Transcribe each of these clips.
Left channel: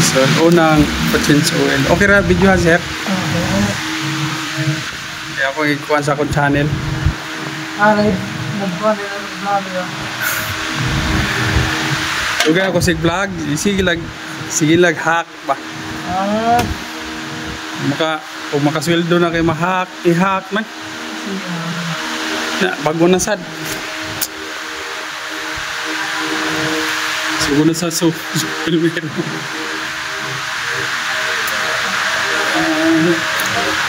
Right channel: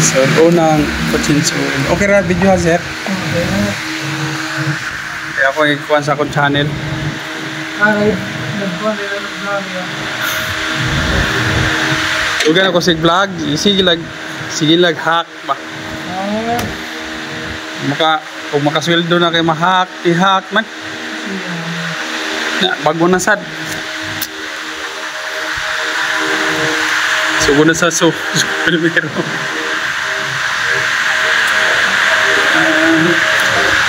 So, unang change oil. Okay ra, video ha, sir? Okay. Kaya ako ikuha sa akong channel. Alright. Magkuhan na yung vlog na. Huwag ako sig vlog. Sige lag hack ba? Kung makasweldo na kayo ma-hack, i-hack man. Bago na sad. Sugo na sa primero.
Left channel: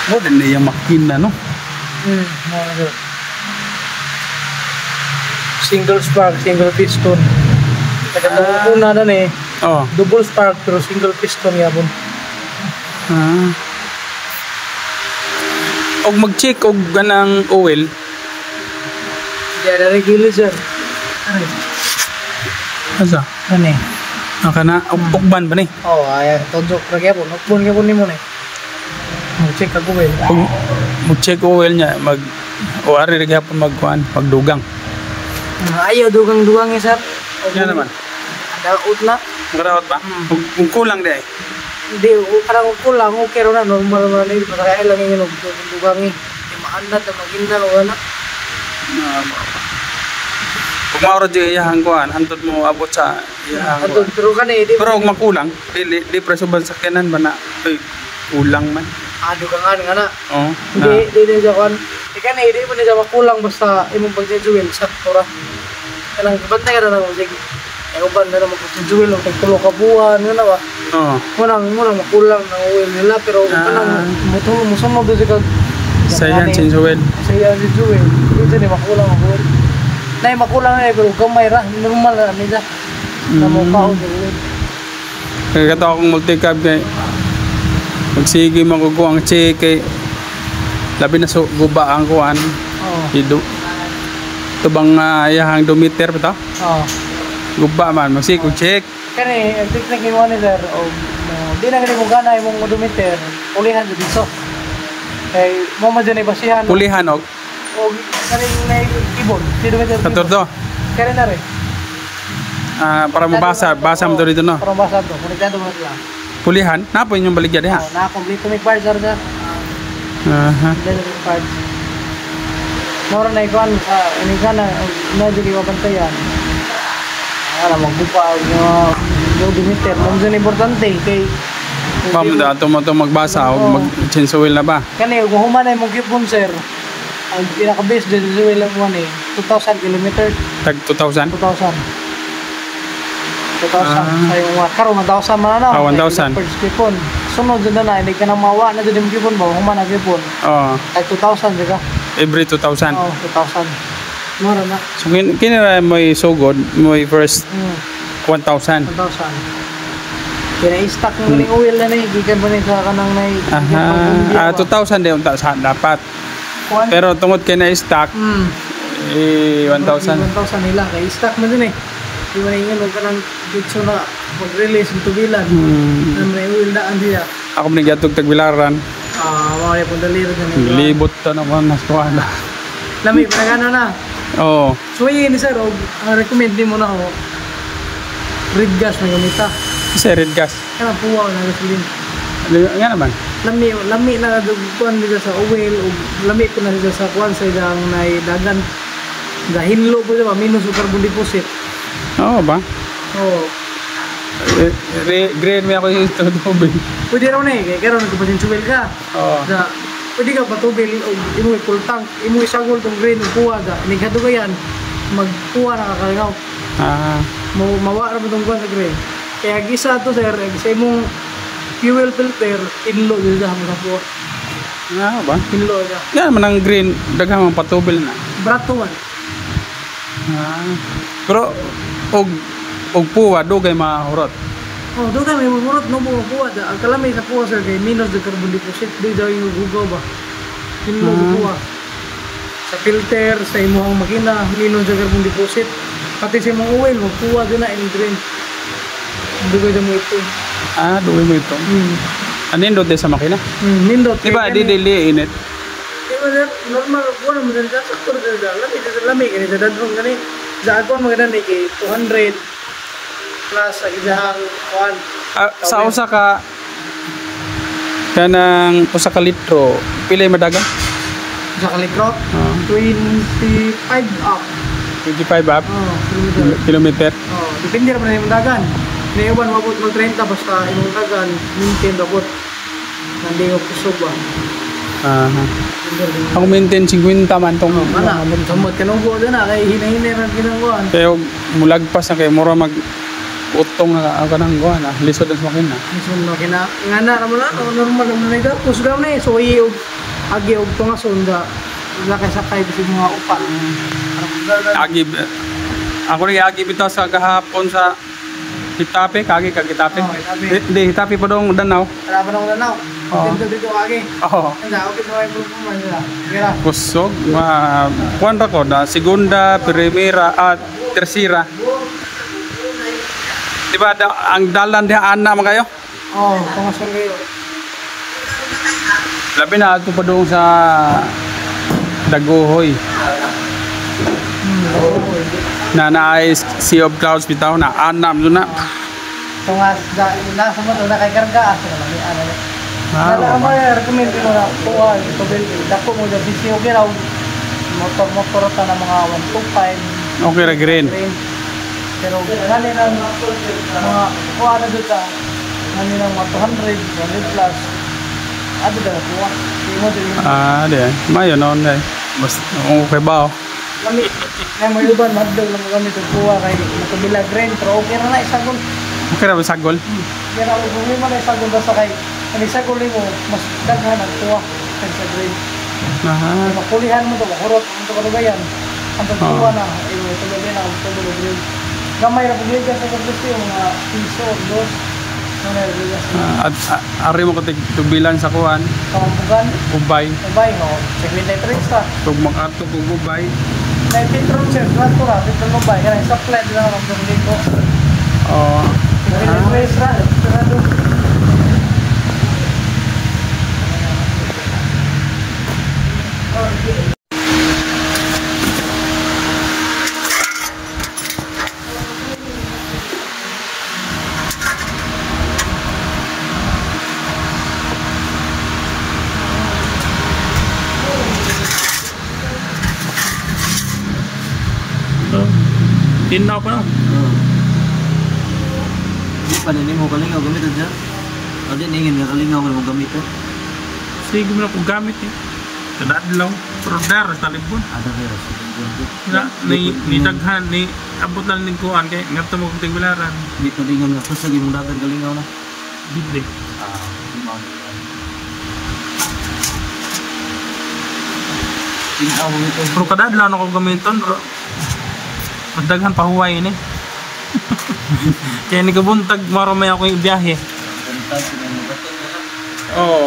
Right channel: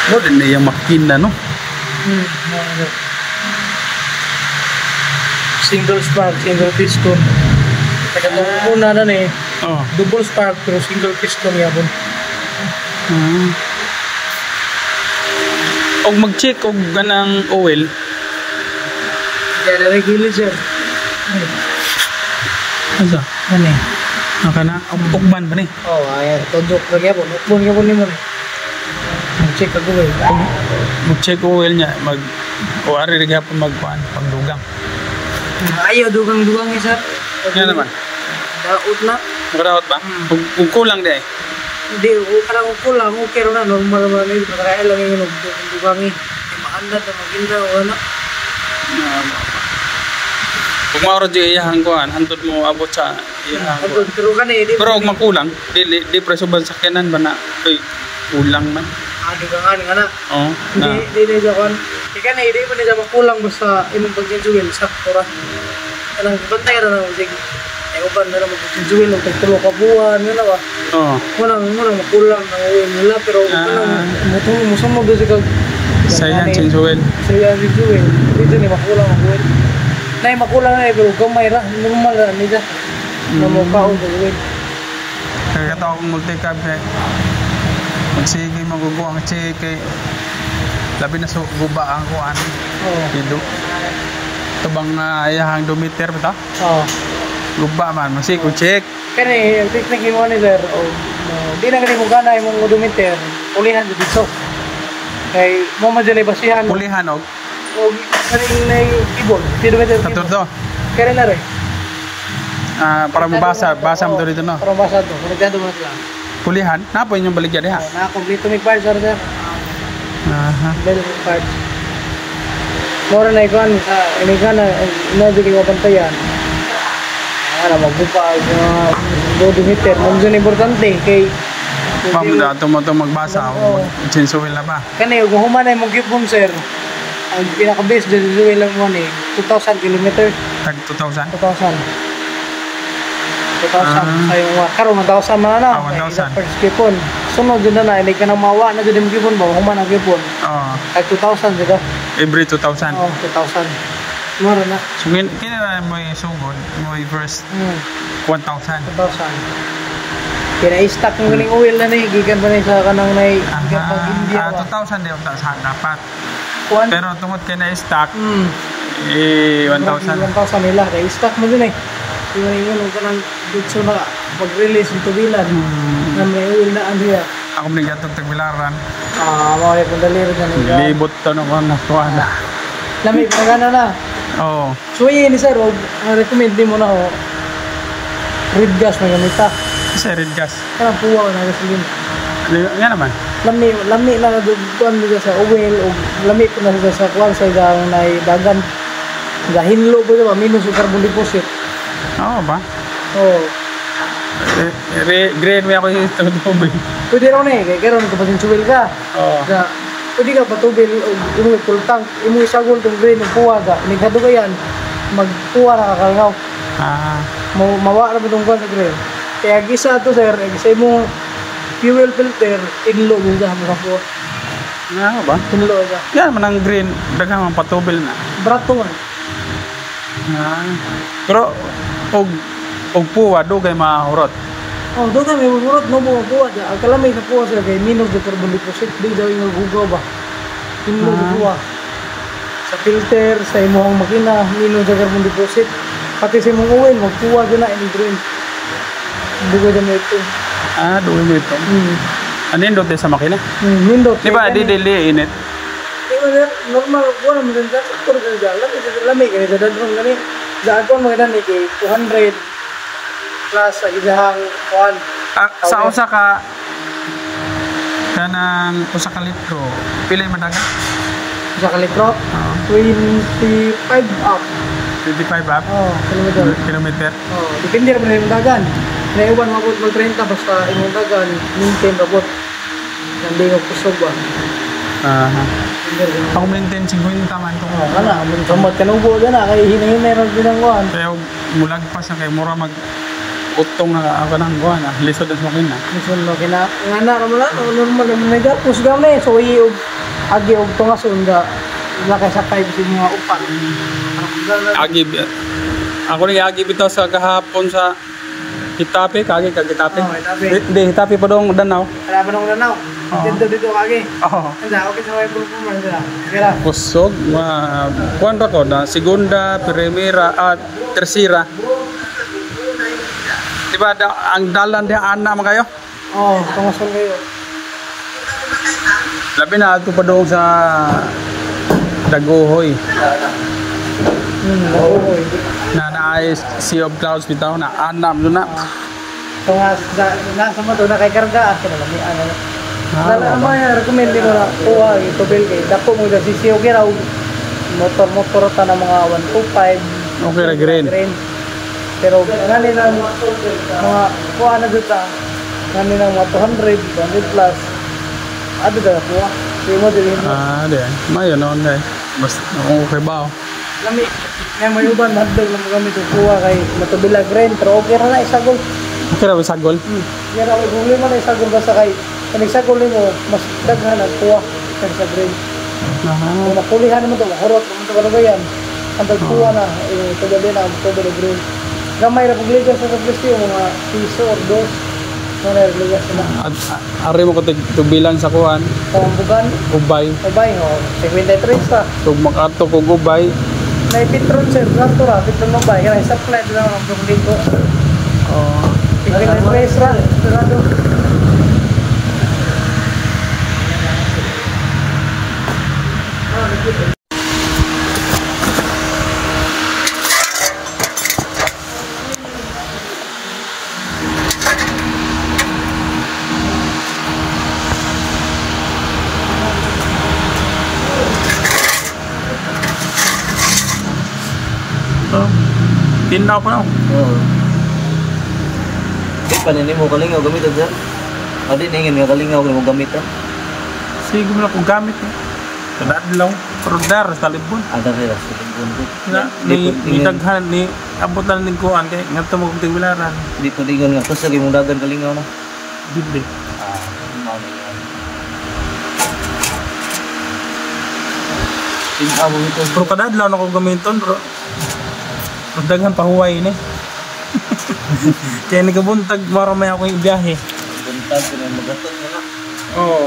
Mo din na yung makina, no? Single spark, single piston. Una nun eh. Oh. Double spark pero single piston yabon. Og mag-check og ganang oil. Kaya naligilis yan. Asa? Ano eh? Nakana, ukban ba ni? Oo, ay, tundok lagi yabon. Ukbon yabon ni mo na eh. Mag-check ako eh. Mag-check oil niya, o ari gihapon magdugang. Ayaw dugang-dugang eh, sir. Nga naman. Daot na. Nakadaot ba? Kung kulang di eh. Hindi, parang kulang. Okay rin na, normal na rin. Kaya lang yung dugang eh. Maanda tayo maghinda o ano. Kung mauro di iyahang kuhan, hantod mo abot sa iyahang kuhan. Pero ka na eh. Pero kung makulang, di preso ba sa sakyanan ba na kulang man? Dugangan nga na. Oo. Hindi siya kan. Ika na, hindi ko na siya makulang basta imong pag-juwil. Sakto ra. Kanang bantay rin ang sige. Ay, uban na naman pag-juwil. Tagtulo ka buwan. Yun na ba? Oo. Munang makulang ng uwi nila. Pero kanang musunod na siya. Sayan, change oil. Sayan, change oil. Hindi na makulang ng uwi. Nay, makulang na pero gamay ra. Normal ra nila. Namukha o uwi. Kaya kato akong multi-cab kay magsige magugo ang check kay labi na guba ang kuan. Ido. Ito bang iyahang dumeter ba ta? Oo. Guba man, magsige og check. Kani, ang technique mo ni sir. Di na ganito gana yung mga dumeter. Ulihan sa biso. Kay mo madyan ay basihan. Pulihan og Kanin na yung ibon. Kilometer. paturdo. Kaya na rin. Para mabasa mo to dito no. Para mabasa ito. Nagkado mo sila. Pulihan, napo yung baligya diha. Nakumpleto may parts sir. Aha. Dito may parts. Mora na ikuan sa kanigan na medyo iwapantayan. Magbupa ang dumeter. Ang importante kay Pam dato mo to magbasa o mag-change oil na ba? Kani ug human ay magipon sir. Ang pinaka-base dito lang mo ni 2,000 kilometers. Tag 2,000? 2,000. 2,000. Sa karon 1,000 man na. 1,000. Per skipon. Sunod din na hindi ka na mawa na din gipon do human ang gipon. Oo. Ay 2,000 di ba? Every 2,000. Oh, 2,000. Mura na. So kinira mo sugod mo first 1,000. 1,000. Kaya i-stock ng galing oil na ni gikan pa rin sa kanang nay. Aha. 2,000 din unta sa dapat. Pero tungod kay na stock 1,000. 1,000 nila kay stock man din eh. Di man ingon og kanang dito na pag-release ng tubilan. May oil na andiya. Ako man gatog tagbilaran. Mao ni pundali rin na. Libot to na ko na kuana. Lami pa gana na. Oo. So yun sir, recommend din mo na ako. Red gas na gamita. Kasi red gas. Kaya puwa na gasolina. Nga naman. Lami na kuan nila sa oil o lami ko na sa kuan sa dagang na dagan. Gahinlo dito ba minus yung carbon deposit. Oo ba? Oo. Grade may ako yung tubig. Pwede raw na eh, kaya karoon ko pa din suwil ka. Oo. Pwede ka patubig o imo full tank, imo isagol tong grade ng puwa ka. Nigado ka yan, magpuwa na kakaligaw. Mawa na mo tong kuan sa grade. Kaya gisa to sir, gisa imong fuel filter, inlo din sa mga po. Nga ba? Inlo ka. Yan man ang green, daghang ang patubil na. Brato man. Pero og puwa dugay mahurot. Oh, doon may murot no mo puwa. Ang kalamay sa puwa sir kay minus the carbon deposit di daw yung gugaw ba. Inlo puwa. Sa filter sa imong makina minus the carbon deposit. Pati sa imong oil magpuwa gina in green. Dugay mo ito. Dugay mo ito. Anindot din sa makina? Nindot. Di ba, di init? Normal, wala mo din sa lamig. Dadadrong gani. Sa akon mo gani kay 200 plus sa isang kuhan. Sa usa ka kanang usa ka litro, pila yung madagan? Sa kalitro, Oo. 25 up. 25 up? Kilometer. Kilometer? Depende naman na yung dagan. Kaya iban mabot mo 30 basta yung dagan, maintain mabot. Nandun yung kusog ba? Aha. Ako maintain 50 man tong. Kana, kamot ka nung buo na, kaya hinahinay rin binangguan. Kaya mulagpas na kay mura mag utong na ako nang kuha na. Lisod ang makina. Misun na kina, nga na naman na, normal naman na ito. Kusgaw na eh, so iog, agi og tungason da, nakasakay bisin mga upan. Agi, ako rin agi bitaw sa kahapon sa Hitape, kagi kag Hitape. Oo, Hitape. Hindi, Hitape pa dong Danau. Alam mo nung lanaw, Oo. dito agi. Oo. Anda, okay sa mga improvement nila. Kaya, Kusog, kuan ra ko na segunda, primera at tercera. Diba ang dalan di ana man kayo? tungason kayo. Labi na ato pa doon sa Daguhoy. Oo. Na naay Sea of Clouds bitaw na anam doon na. Tungas mo to nakakarga ato. Ano? Ah, Ano ya recommend ko na kuha ito bill kay dako mo da sisiyo giraw. Motor ta na mga 125. okay ra green. Pero kanali na mga kuha na dito. Kami na mga 200, 100 plus. Ano daw po? Yung mo din. Ah, di. Mayo noon eh. Basta okay ba? Lami, kaya may uban, maddag lang kami ito kuha kay natubilag rin. Pero okay na isagol. Okay ra ba sagol? Yan ang problema na isagol basta kay kung isagol ninyo, mas daghan ang kuha kaysa sa green. Aha. Kung nakulihan naman ito, makurot, kung ito kalubayan. Ang pagkuha na, yung tugali na, ang tugali green. Gamay na pagligas sa paglusti, mga piso or dos. Yan na, pagligas na. Ari mo ko tubilan sa kuan, So, ang bugan, ubay. abay, no, 73 sa. Tug makato kog ubay. May petrol sir, plato ra, dito mo ba? Yan, supply lang ang dito. Oh. Kaya na race ra. Oh. Tinaw pa no. Di pa nini mo kalingaw gamit ito. Adi ningin nga kalingaw mo gamit ito. Sige mo na kung gamit eh. Kadadlaw. Pero dar sa libon. Ada kaya sa bunbuk. Na ni daghan ni abot lang ning kuan kay ngadto mo kung tigwilaran. Di pa dingon nga kasi mo dagan kalingaw na. Bibli. Tinaw mo ito. Pero kadadlaw na ko gamiton bro. Madaghan pa huway ni. Kaya nagabuntag maro may ako yung biyahe. Buntag ko na magatag na lang. Oo.